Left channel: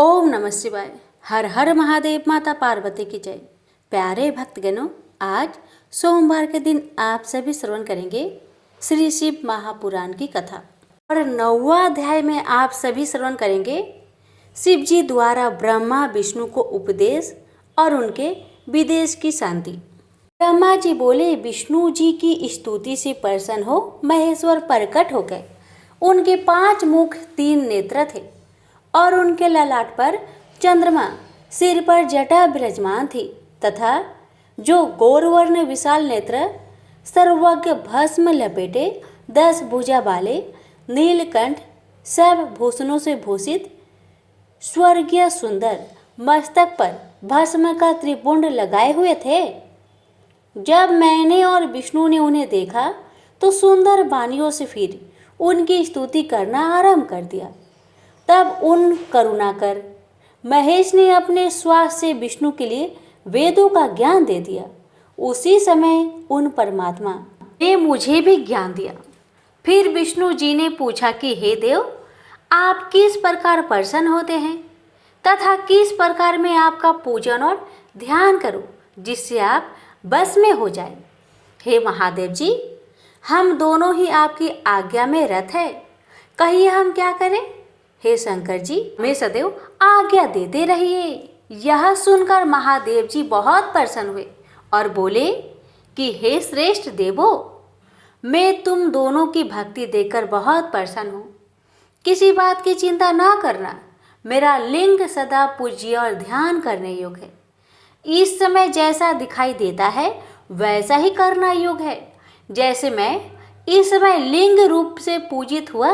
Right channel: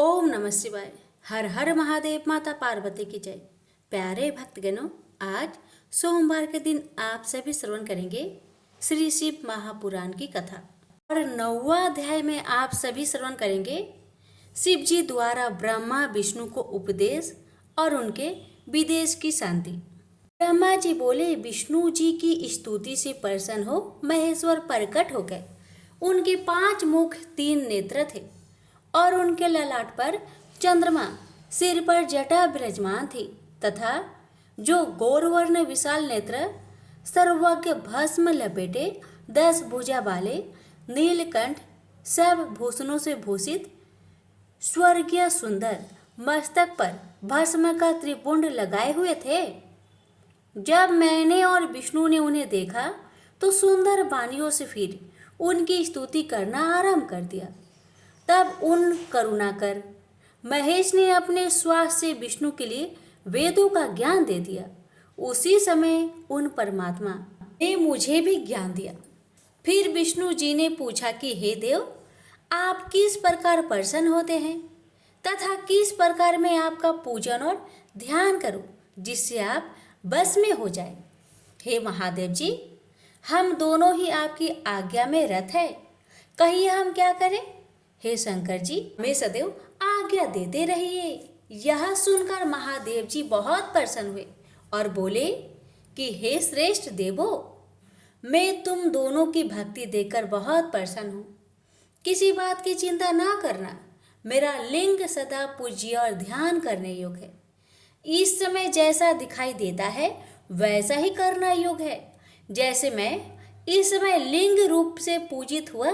ओम नमः शिवाय। हर हर महादेव। माता पार्वती की जय। प्यारे भक्तगणों, आज सोमवार के दिन आप सभी श्रवण करेंगे श्री शिव महापुराण की कथा और 9वां अध्याय में आप सभी श्रवण करेंगे शिव जी द्वारा ब्रह्मा विष्णु को उपदेश और उनके विदेश की शांति। ब्रह्मा जी बोले, विष्णु जी की स्तुति से प्रसन्न हो महेश्वर प्रकट हो गए। उनके 5 मुख 3 नेत्र थे और उनके ललाट पर चंद्रमा, सिर पर जटा विराजमान थी तथा जो गौरवर्ण विशाल नेत्र सर्वज्ञ भस्म लपेटे 10 भुजा वाले नीलकंठ सब भूषणों से भूषित स्वर्गीय सुंदर मस्तक पर भस्म का त्रिपुंड लगाए हुए थे। जब मैंने और विष्णु ने उन्हें देखा तो सुंदर वाणियों से फिर उनकी स्तुति करना आरंभ कर दिया। तब उन करुणाकर महेश ने अपने श्वास से विष्णु के लिए वेदों का ज्ञान दे दिया। उसी समय उन परमात्मा ने मुझे भी ज्ञान दिया। फिर विष्णु जी ने पूछा कि हे देव, आप किस प्रकार प्रसन्न होते हैं तथा किस प्रकार मैं आपका पूजन और ध्यान करूं जिससे आप बस में हो जाए। हे महादेव जी, हम दोनों ही आपकी आज्ञा में रत है, कहिए हम क्या करें। हे शंकर जी, मैं सदैव आज्ञा देते रहिए। यह सुनकर महादेव जी बहुत प्रसन्न हुए और बोले कि हे श्रेष्ठ देवो, मैं तुम दोनों की भक्ति देखकर बहुत प्रसन्न हूँ। किसी बात की चिंता ना करना, मेरा लिंग सदा पूज्य और ध्यान करने योग्य है। इस समय जैसा दिखाई देता है वैसा ही करना योग्य है। जैसे मैं इस समय लिंग रूप से पूजित हुआ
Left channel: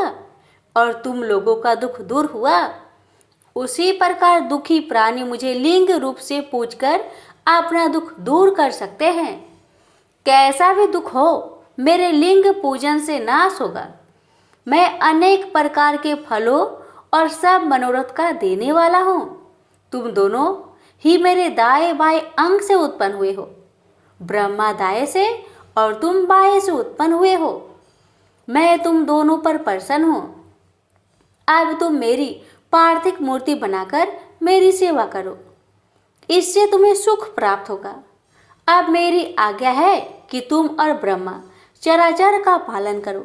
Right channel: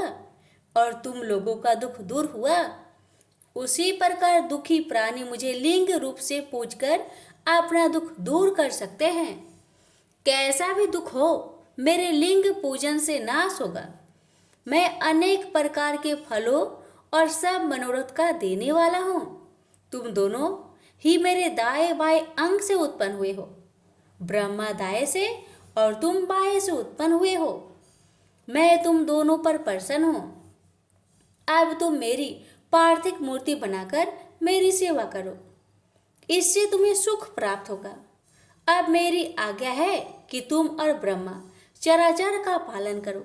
और तुम लोगों का दुख दूर हुआ, उसी प्रकार दुखी प्राणी मुझे लिंग रूप से पूजकर अपना दुख दूर कर सकते हैं। कैसा भी दुख हो, मेरे लिंग पूजन से नाश होगा। मैं अनेक प्रकार के फलों और सब मनोरथ का देने वाला हूँ। तुम दोनों ही मेरे दाएं बाएं अंग से उत्पन्न हुए हो। ब्रह्मा दाएं से और तुम बाएं से उत्पन्न हुए हो। मैं तुम दोनों पर प्रसन्न हूँ। अब तुम मेरी पार्थिव मूर्ति बनाकर मेरी सेवा करो, इससे तुम्हें सुख प्राप्त होगा। अब मेरी आज्ञा है कि तुम और ब्रह्मा चराचर का पालन करो।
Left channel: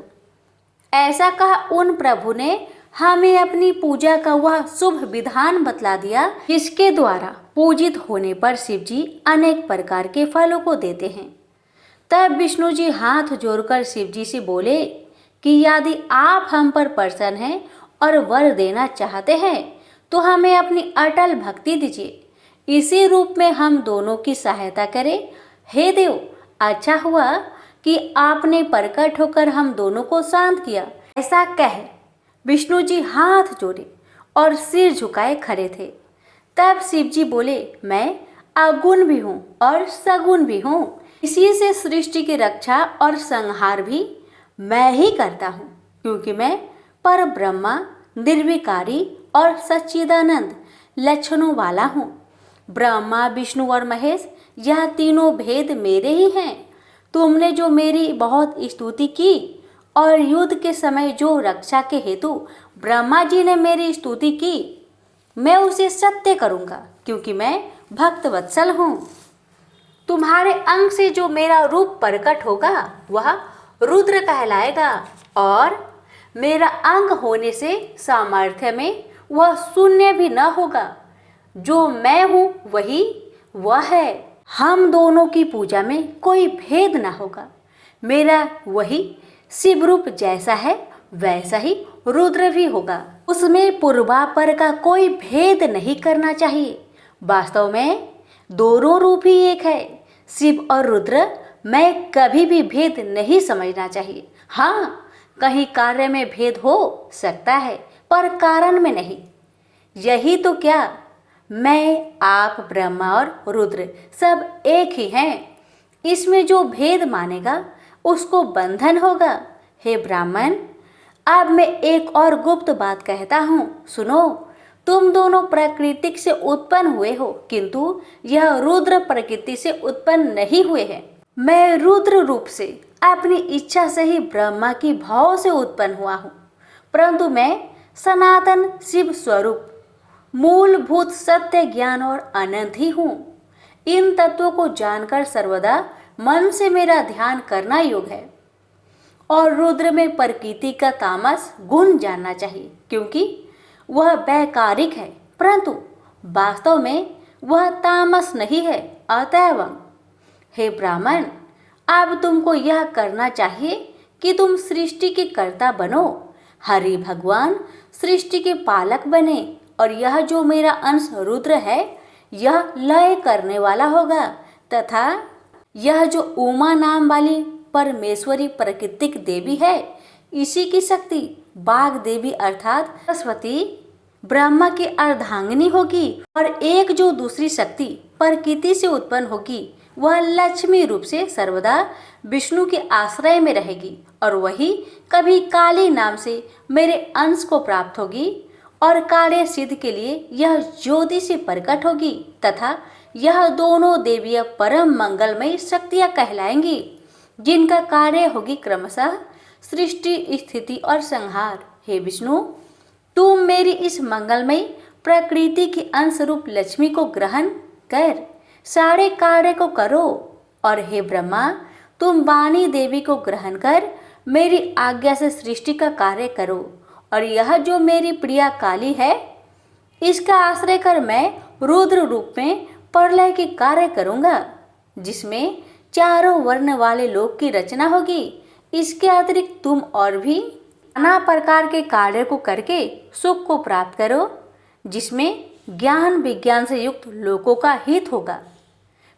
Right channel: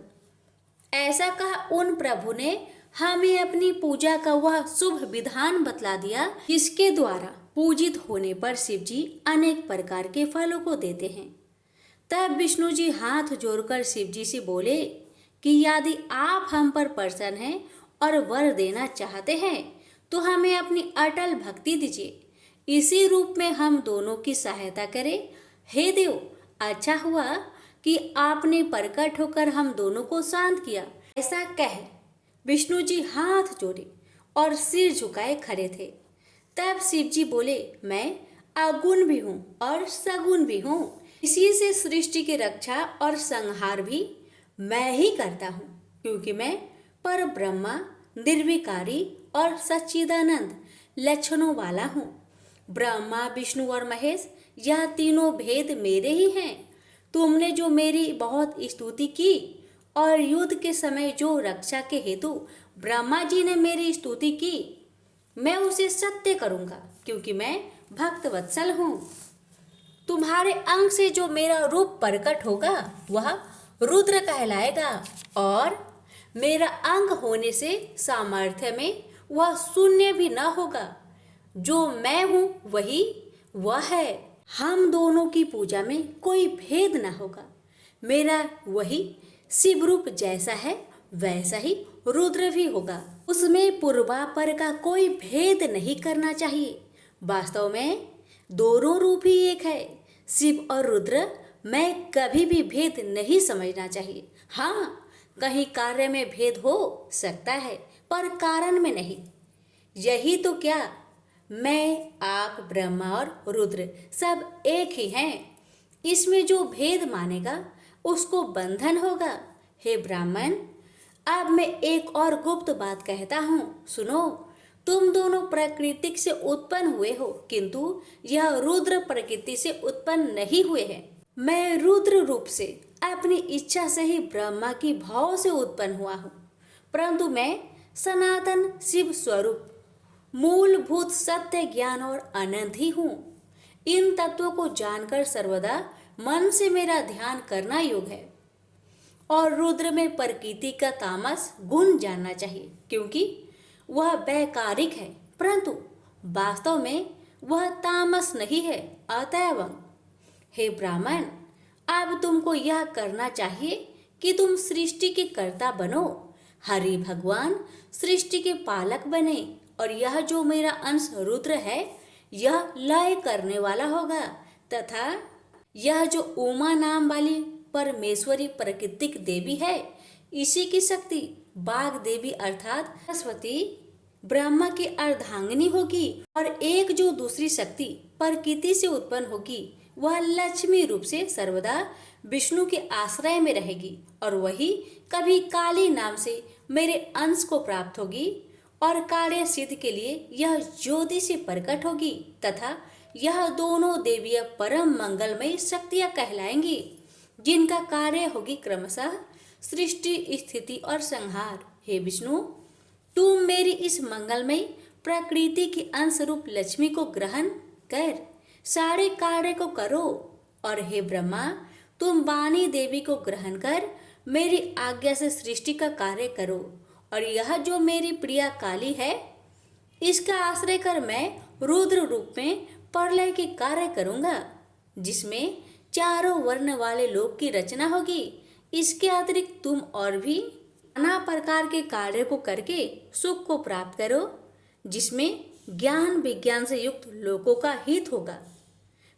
ऐसा कहा उन प्रभु ने हमें अपनी पूजा का वह शुभ विधान बतला दिया, जिसके द्वारा पूजित होने पर शिव जी अनेक प्रकार के फलों को देते हैं। तब विष्णु जी हाथ जोड़कर शिव जी से बोले कि यदि आप हम पर प्रसन्न हैं और वर देना चाहते हैं तो हमें अपनी अटल भक्ति दीजिए। इसी रूप में हम दोनों की सहायता करें। हे देव, अच्छा हुआ कि आपने प्रकट होकर हम दोनों को शांत किया। ऐसा कह विष्णु जी हाथ जोड़े और सिर झुकाए खड़े थे। तब शिव जी बोले, मैं अगुण भी हूँ और सगुण भी हूँ। इसी से सृष्टि की रक्षा और संहार भी मैं ही करता हूँ, क्योंकि मैं पर ब्रह्मा निर्विकारी और सच्चिदानंद लक्षणों वाला हूँ। ब्रह्मा, विष्णु और महेश यह तीनों भेद मेरे ही हैं। तुमने जो मेरी बहुत स्तुति की और युद्ध के समय जो रक्षा के हेतु ब्रह्मा जी ने मेरी स्तुति की, मैं उसे सत्य करूँगा, क्योंकि मैं भक्त वत्सल हूँ। तुम्हारे अंग से जो मेरा रूप प्रकट होगा वह रुद्र कहलाएगा और मेरा अंग होने से सामर्थ्य में वह शून्य भी न होगा। जो मैं हूँ वही वह है। हम दोनों की पूजा में कोई भेद न होगा। मेरा वही शिव रूप जैसा है वैसा ही रुद्र भी होगा। उसमें पूर्वापर का कोई भेद नहीं करना चाहिए। वास्तव में दोनों रूप ही एक है। शिव और रुद्र में कभी भी भेद नहीं समझना चाहिए। हाँ, कहीं कार्य में भेद हो सकता है पर कारण में नहीं। यही तो क्या, मैं, आप, ब्रह्मा और रुद्र सब एक ही हैं। इसमें जो भेद मानेगा उसको बंधन होगा। हे ब्राह्मण, अब मैं एक और गुप्त बात कहता हूँ, सुनो। तुम दोनों प्राकृतिक से उत्पन्न हुए हो, किंतु यह रुद्र प्रकृति से उत्पन्न नहीं हुए हैं। मैं रुद्र रूप से अपनी इच्छा से ही ब्रह्मा की भाव से उत्पन्न हुआ हूँ, परंतु मैं सनातन शिव स्वरूप मूलभूत सत्य ज्ञान और अनंत ही हूँ। इन तत्वों को जानकर सर्वदा मन से मेरा ध्यान करना योग है। और रुद्र में प्रकृति का तामस गुण जानना चाहिए, क्योंकि वह वैकारिक है, परंतु वास्तव में वह तामस नहीं है। अतएव हे ब्राह्मण, अब तुमको यह करना चाहिए कि तुम सृष्टि के कर्ता बनो, हरि भगवान सृष्टि के पालक बने, और यह जो मेरा अंश रुद्र है यह लय करने वाला होगा, तथा यह जो उमा नाम वाली परमेश्वरी प्राकृतिक देवी है, इसी की शक्ति बाघ देवी अर्थात सरस्वती ब्रह्मा की अर्धांगिनी होगी, और एक जो दूसरी शक्ति प्रकृति से उत्पन्न होगी वह लक्ष्मी रूप से सर्वदा विष्णु के आश्रय में रहेगी, और वही कभी काली नाम से मेरे अंश को प्राप्त होगी, और कार्य सिद्ध के लिए यह ज्योति से प्रकट होगी, तथा यह दोनों देवियां परम मंगलमयी शक्तियां कहलाएंगी, जिनका कार्य होगी क्रमशः सृष्टि, स्थिति और संहार। हे विष्णु, तुम मेरी इस मंगलमयी प्रकृति के अंश रूप लक्ष्मी को ग्रहण कर सारे कार्य को करो, और हे ब्रह्मा, तुम वाणी देवी को ग्रहण कर मेरी आज्ञा से सृष्टि का कार्य करो, और यह जो मेरी प्रिया काली है इसका आश्रय कर मैं रुद्र रूप में प्रलय के कार्य करूँगा, जिसमें चारों वर्ण वाले लोक की रचना होगी। इसके अतिरिक्त तुम और भी नाना प्रकार के कार्य को करके सुख को प्राप्त करो, जिसमें ज्ञान विज्ञान से युक्त लोकों का हित होगा।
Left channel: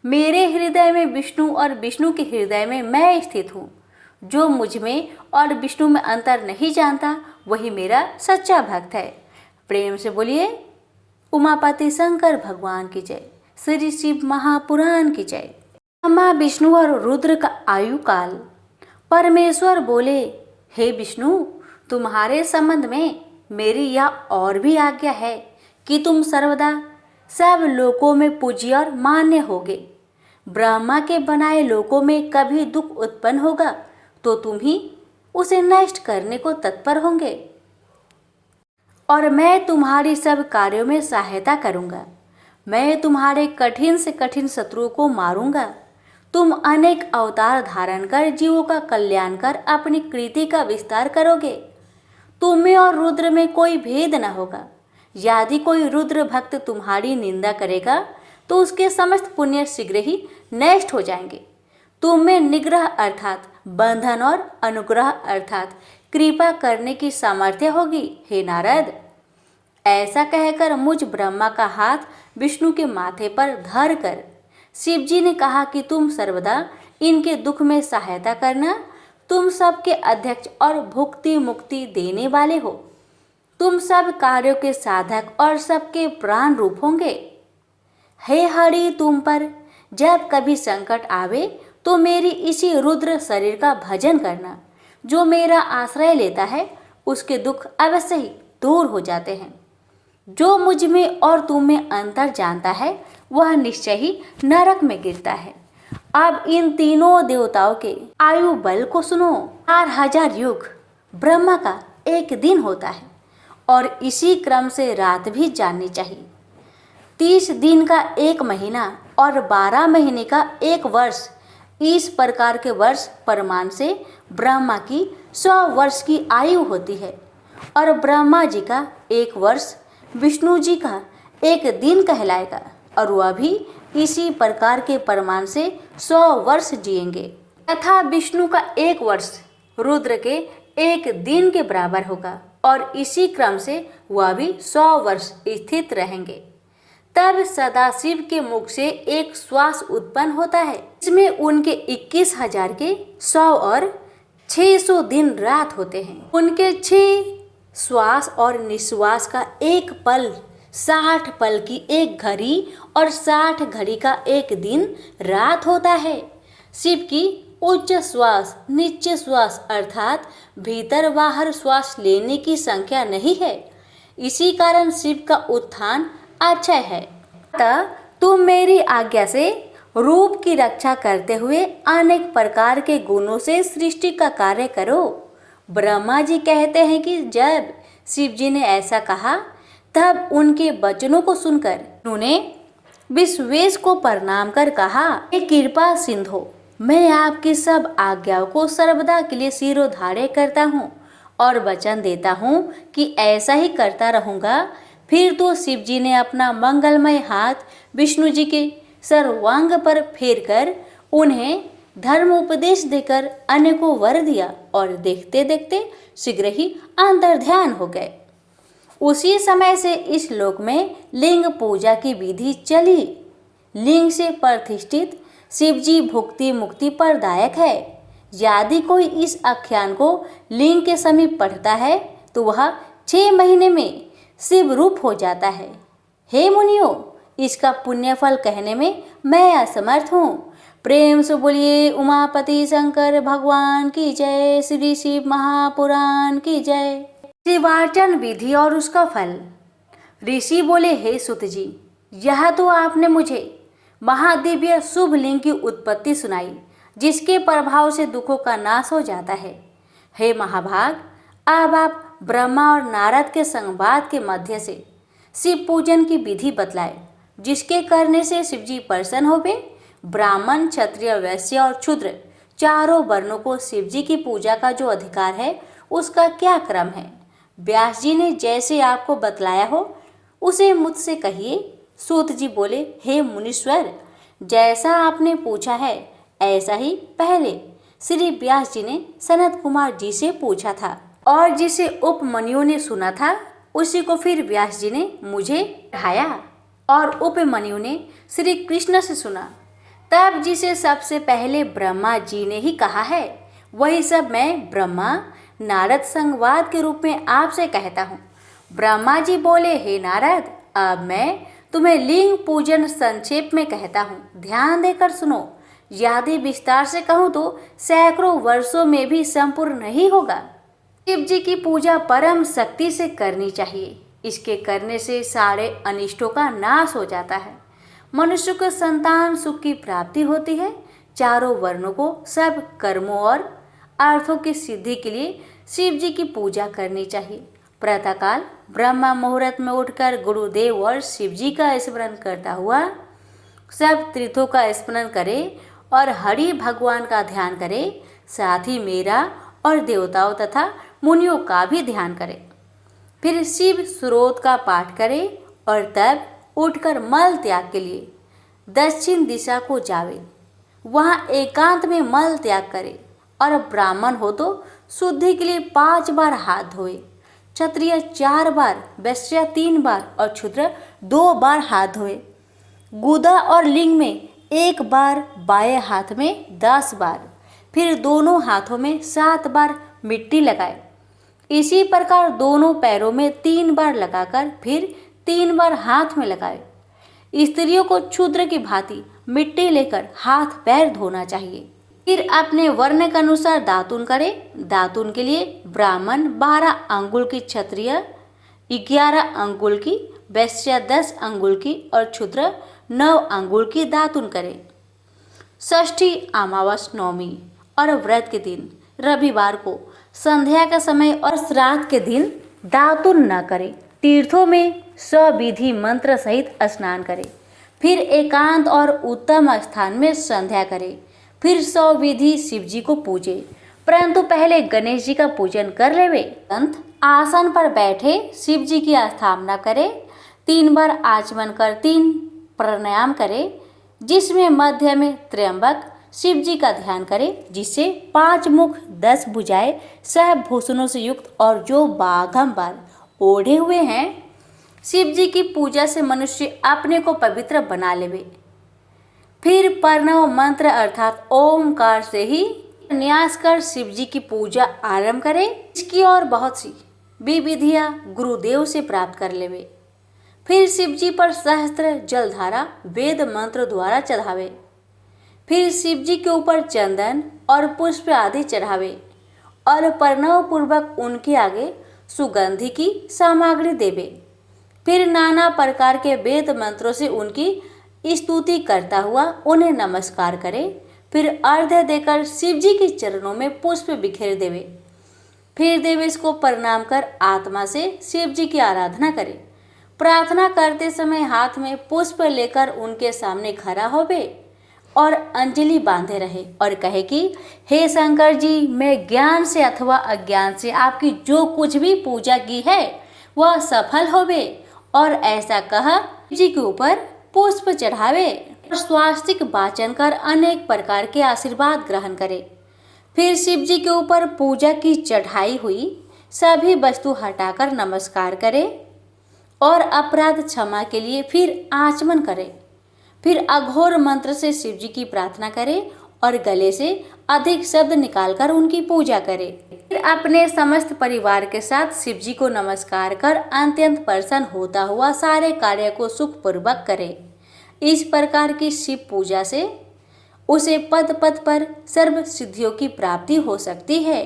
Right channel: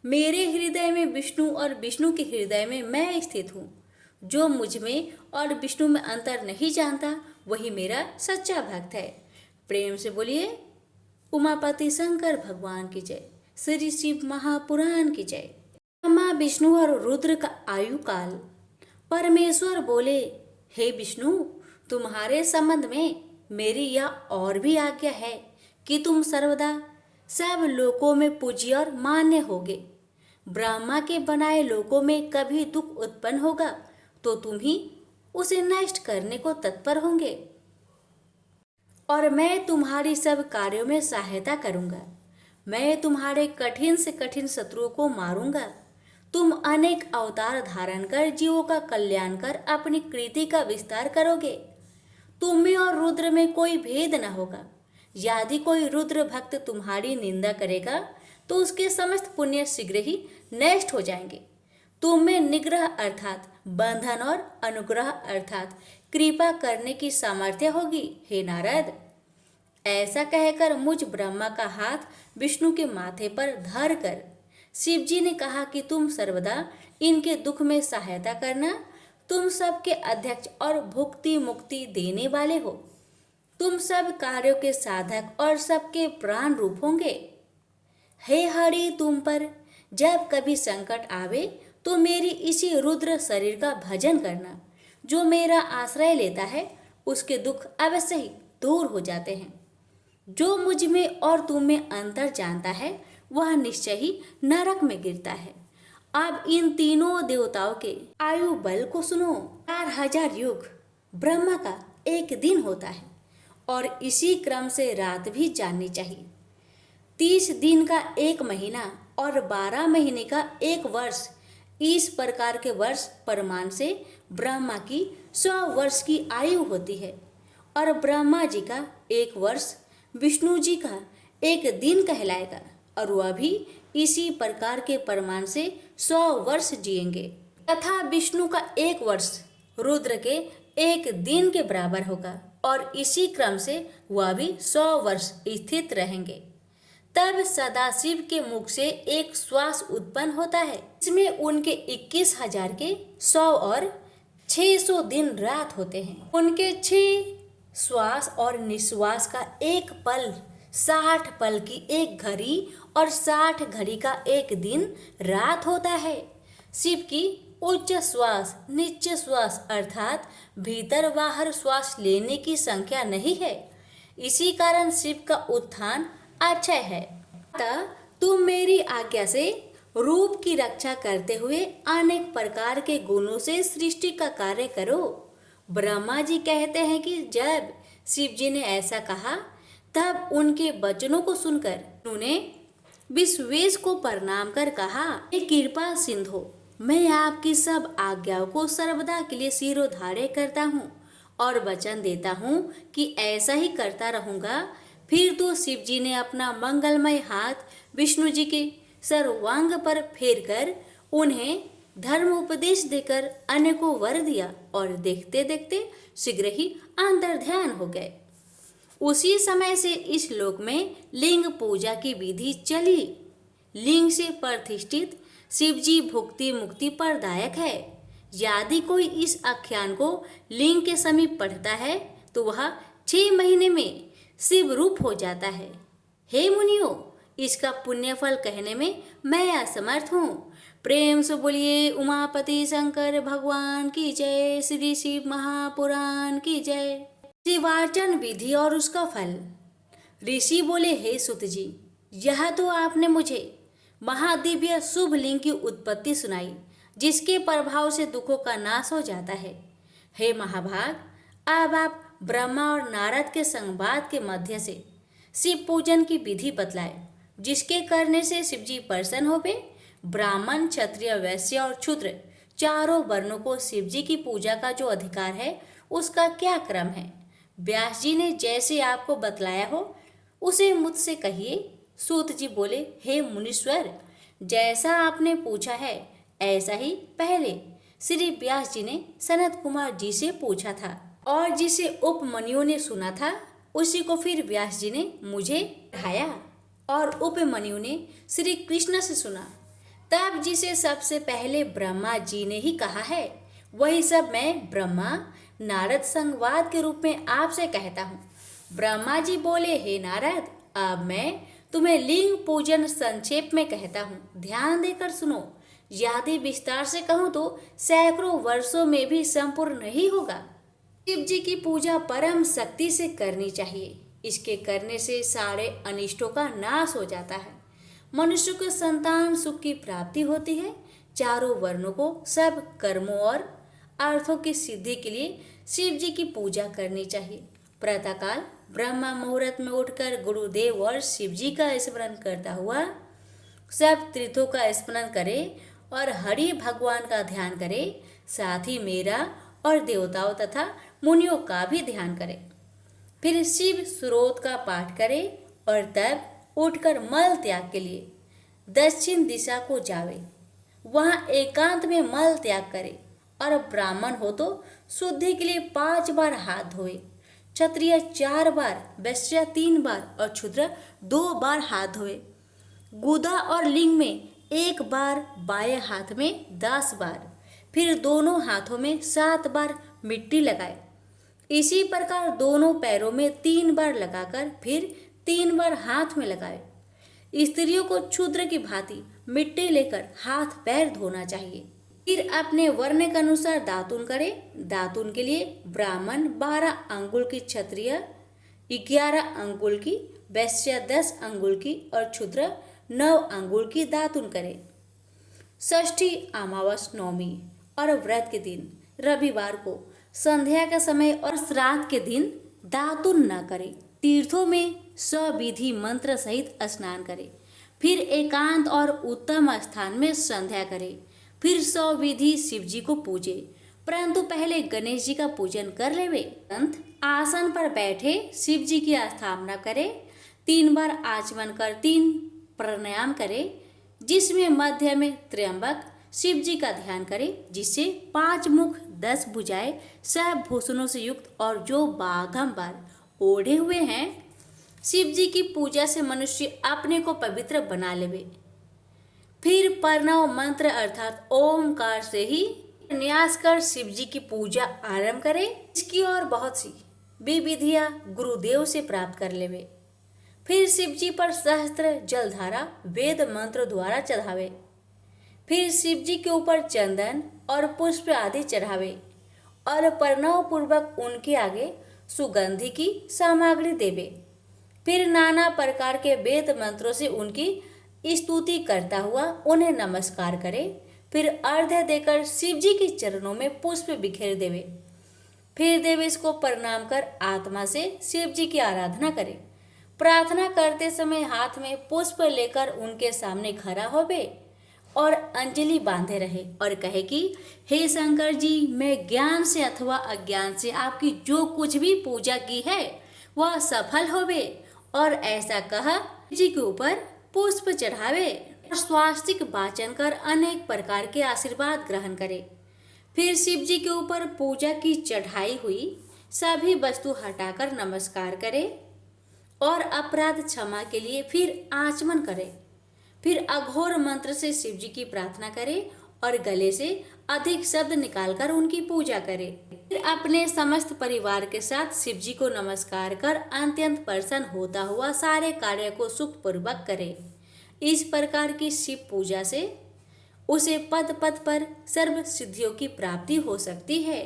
मेरे हृदय में विष्णु और विष्णु के हृदय में मैं स्थित हूँ। जो मुझ में और विष्णु में अंतर नहीं जानता वही मेरा सच्चा भक्त है। प्रेम से बोलिए उमापति शंकर भगवान की जय, श्री शिव महापुराण की जय। ब्रह्मा विष्णु और रुद्र का आयु काल। परमेश्वर बोले, हे विष्णु, तुम्हारे संबंध में मेरी यह और भी आज्ञा है कि तुम सर्वदा सब लोकों में पूज्य और मान्य होगे। ब्रह्मा के बनाए लोकों में कभी दुख उत्पन्न होगा तो तुम ही उसे नष्ट करने को तत्पर होंगे, और मैं तुम्हारी सब कार्यों में सहायता करूंगा। मैं तुम्हारे कठिन से कठिन शत्रुओं को मारूंगा। तुम अनेक अवतार धारण कर जीवों का कल्याण कर अपनी कृति का विस्तार करोगे। तुम में और रुद्र में कोई भेद न होगा। यदि कोई रुद्र भक्त तुम्हारी निंदा करेगा तो उसके समस्त पुण्य शीघ्र ही नष्ट हो जाएंगे। तुम में निग्रह अर्थात बंधन और अनुग्रह अर्थात कृपा करने की सामर्थ्य होगी। हे नारद, ऐसा कहकर मुझ ब्रह्मा का हाथ विष्णु के माथे पर धर कर शिव जी ने कहा कि तुम सर्वदा इनके दुख में सहायता करना। तुम सबके अध्यक्ष और भुक्ति मुक्ति देने वाले हो। तुम सब कार्यों के साधक और सबके प्राण रूप होंगे। हे हरि, तुम पर जब कभी संकट आवे तो मेरी इसी रुद्र शरीर का भजन करना। जो मेरा आश्रय लेता है उसके दुख अवश्य ही दूर हो जाते हैं। जो मुझ में और तुम में अंतर जानता है वह निश्चय ही नरक में गिरता है। अब इन तीनों देवताओं के आयु बल को सुनो। 4000 युग ब्रह्मा का एक दिन होता है, और इसी क्रम से रात भी जाननी चाहिए। 30 दिन का एक महीना और 12 महीने का एक वर्ष, इस प्रकार के वर्ष प्रमाण से ब्रह्मा की 100 वर्ष की आयु होती है, और ब्रह्मा जी का एक वर्ष विष्णु जी का एक दिन कहलाएगा, और वह भी इसी प्रकार के प्रमाण से 100 वर्ष जिएंगे, तथा विष्णु का एक वर्ष रुद्र के एक दिन के बराबर होगा, और इसी क्रम से वह भी 100 वर्ष स्थित रहेंगे। तब सदाशिव के मुख से एक श्वास उत्पन्न होता है। इसमें उनके 21,000 के 100 और 600 दिन रात होते हैं। उनके 6 श्वास और निश्वास का एक पल 60 पल की एक घड़ी और 60 घड़ी का एक दिन रात होता है। शिव की उच्च श्वास नीचे श्वास अर्थात भीतर बाहर श्वास लेने की संख्या नहीं है। इसी कारण शिव का उत्थान अक्षय है। अतः तुम मेरी आज्ञा से रूप की रक्षा करते हुए अनेक प्रकार के गुणों से सृष्टि का कार्य करो। ब्रह्मा जी कहते हैं कि जब शिव जी ने ऐसा कहा तब उनके वचनों को सुनकर उन्होंने विश्वेश को प्रणाम कर कहा, हे कृपा सिंधु, मैं आपकी सब आज्ञाओं को सर्वदा के लिए सिरोधार्य करता हूँ और वचन देता हूँ कि ऐसा ही करता रहूँगा। फिर तो शिव जी ने अपना मंगलमय हाथ विष्णु जी के सर्वांग पर फेर कर उन्हें धर्म उपदेश देकर अन्य को वर दिया और देखते देखते शीघ्र ही अंतर्ध्यान हो गए। उसी समय से इस लोक में लिंग पूजा की विधि चली। लिंग से प्रतिष्ठित शिव जी भुक्ति मुक्ति प्रदायक है। यदि कोई इस आख्यान को लिंग के समीप पढ़ता है तो वह 6 महीने में शिव रूप हो जाता है। हे मुनियों, इसका पुण्य फल कहने में मैं असमर्थ हूँ। प्रेम से बोलिए उमापति शंकर भगवान की जय। श्री शिव महापुराण की जय। शिवार्चन विधि और उसका फल। ऋषि बोले, हे सुत जी, यह तो आपने मुझे महादिव्य शुभ लिंग की उत्पत्ति सुनाई, जिसके प्रभाव से दुखों का नाश हो जाता है। हे महाभाग, अब आप ब्रह्मा और नारद के संवाद के मध्य से शिव पूजन की विधि बतलाए, जिसके करने से शिव जी प्रसन्न होवे। ब्राह्मण, क्षत्रिय, वैश्य और शूद्र चारों वर्णों को शिव जी की पूजा का जो अधिकार है, उसका क्या क्रम है? व्यास जी ने जैसे आपको बतलाया हो उसे मुझसे कहिए। सूत जी बोले, हे मुनीश्वर, जैसा आपने पूछा है ऐसा ही पहले श्री व्यास जी ने सनत कुमार जी से पूछा था, और जिसे उपमन्यु ने सुना था उसी को फिर व्यास जी ने मुझे पढ़ाया, और उपमन्यु ने श्री कृष्ण से सुना। तब जिसे सबसे पहले ब्रह्मा जी ने ही कहा है, वही सब मैं ब्रह्मा नारद संवाद के रूप में आपसे कहता हूँ। ब्रह्मा जी बोले, हे नारद, अब मैं तुम्हें लिंग पूजन संक्षेप में कहता हूँ, ध्यान देकर सुनो। यदि विस्तार से कहूँ तो सैकड़ों वर्षों में भी संपूर्ण नहीं होगा। शिव जी की पूजा परम शक्ति से करनी चाहिए। इसके करने से सारे अनिष्टों का नाश हो जाता है। मनुष्य को संतान सुख की प्राप्ति होती है। चारों वर्णों को सब कर्मों और अर्थों की सिद्धि के लिए शिव जी की पूजा करनी चाहिए। प्रातःकाल ब्रह्मा मुहूर्त में उठकर गुरुदेव और शिव जी का स्मरण करता हुआ सब तीर्थों का स्मरण करे और हरि भगवान का ध्यान करे। साथ ही मेरा और देवताओं तथा मुनियों का भी ध्यान करे। फिर शिव स्रोत का पाठ करे और तब उठकर मल त्याग के लिए दक्षिण दिशा को जावे। वहाँ एकांत में मल त्याग करे और ब्राह्मण हो तो शुद्धि के लिए 5 बार हाथ धोए, क्षत्रिय 4 बार, वैश्य 3 बार और शूद्र 2 बार हाथ धोए। गुदा और लिंग में 1 बार, बाएं हाथ में 10 बार, फिर दोनों हाथों में 7 बार मिट्टी लगाए। इसी प्रकार दोनों पैरों में 3 बार लगाकर फिर 3 बार हाथ में लगाए। स्त्रियों को क्षुद्र की भांति मिट्टी लेकर हाथ पैर धोना चाहिए। फिर अपने वर्ण के अनुसार दातुन करे। दातुन के लिए ब्राह्मण 12 अंगुल की, क्षत्रिय 11 अंगुल की, वैश्य 10 अंगुल की और क्षुद्र 9 अंगुल की दातुन करे। षष्ठी, अमावस, नवमी और व्रत के दिन रविवार को संध्या का समय और श्राद्ध के दिन दातुन न करे। तीर्थों में सविधि मंत्र सहित स्नान करे। फिर एकांत और उत्तम स्थान में संध्या करे। फिर सविधि शिव जी को पूजे, परंतु पहले गणेश जी का पूजन कर लेवे। अंत आसन पर बैठे शिव जी की स्थापना करे। 3 बार आचमन कर 3 प्राणायाम करे, जिसमें मध्य में त्र्यंबक शिव जी का ध्यान करे, जिससे 5 मुख 10 भुजाएं सब भूषणों से युक्त और जो बाघंबर ओढ़े हुए हैं। शिव जी की पूजा से मनुष्य अपने को पवित्र बना लेवे। फिर प्रणव मंत्र अर्थात ओमकार से ही न्यास कर शिव जी की पूजा आरंभ करे। इसकी और बहुत सी विधियां गुरुदेव से प्राप्त कर लेवे। फिर शिव जी पर सहस्त्र जलधारा वेद मंत्र द्वारा चढ़ावे। फिर शिव जी के ऊपर चंदन और पुष्प आदि चढ़ावे और प्रणव पूर्वक उनके आगे सुगंधि की सामग्री देवे। फिर नाना प्रकार के वेद मंत्रों से उनकी स्तुति करता हुआ उन्हें नमस्कार करे। फिर अर्घ्य देकर शिव जी के चरणों में पुष्प बिखेर देवे। फिर देवेश को प्रणाम कर आत्मा से शिव जी की आराधना करे। प्रार्थना करते समय हाथ में पुष्प लेकर उनके सामने खड़ा होवे और अंजलि बांधे रहे और कहे कि हे शंकर जी, मैं ज्ञान से अथवा अज्ञान से आपकी जो कुछ भी पूजा की है वह सफल होवे, और ऐसा कहा जी के ऊपर पुष्प चढ़ावे और स्वास्तिक वाचन कर अनेक प्रकार के आशीर्वाद ग्रहण करे। फिर शिव जी के ऊपर पूजा की चढ़ाई हुई सभी वस्तु हटाकर नमस्कार करे और अपराध क्षमा के लिए फिर आचमन करे। फिर अघोर मंत्र से शिव जी की प्रार्थना करे और गले से अधिक शब्द निकालकर उनकी पूजा करे। फिर अपने समस्त परिवार के साथ शिव जी को नमस्कार कर अत्यंत प्रसन्न होता हुआ सारे कार्य को सुखपूर्वक करे। इस प्रकार की शिव पूजा से उसे पद पद पर सर्व सिद्धियों की प्राप्ति हो सकती है,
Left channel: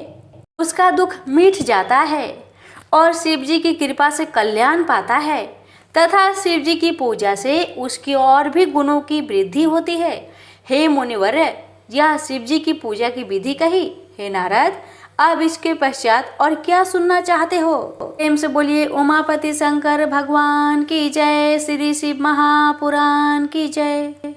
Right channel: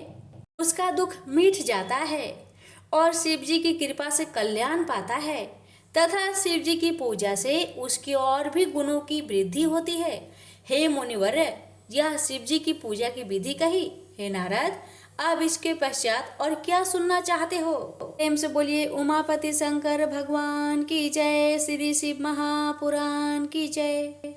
उसका दुख मिट जाता है और शिव जी की कृपा से कल्याण पाता है तथा शिव जी की पूजा से उसकी और भी गुणों की वृद्धि होती है। हे मुनिवर, यह शिव जी की पूजा की विधि कही। हे नारद, अब इसके पश्चात और क्या सुनना चाहते हो? प्रेम से बोलिए उमापति शंकर भगवान की जय, श्री शिव महापुराण की जय।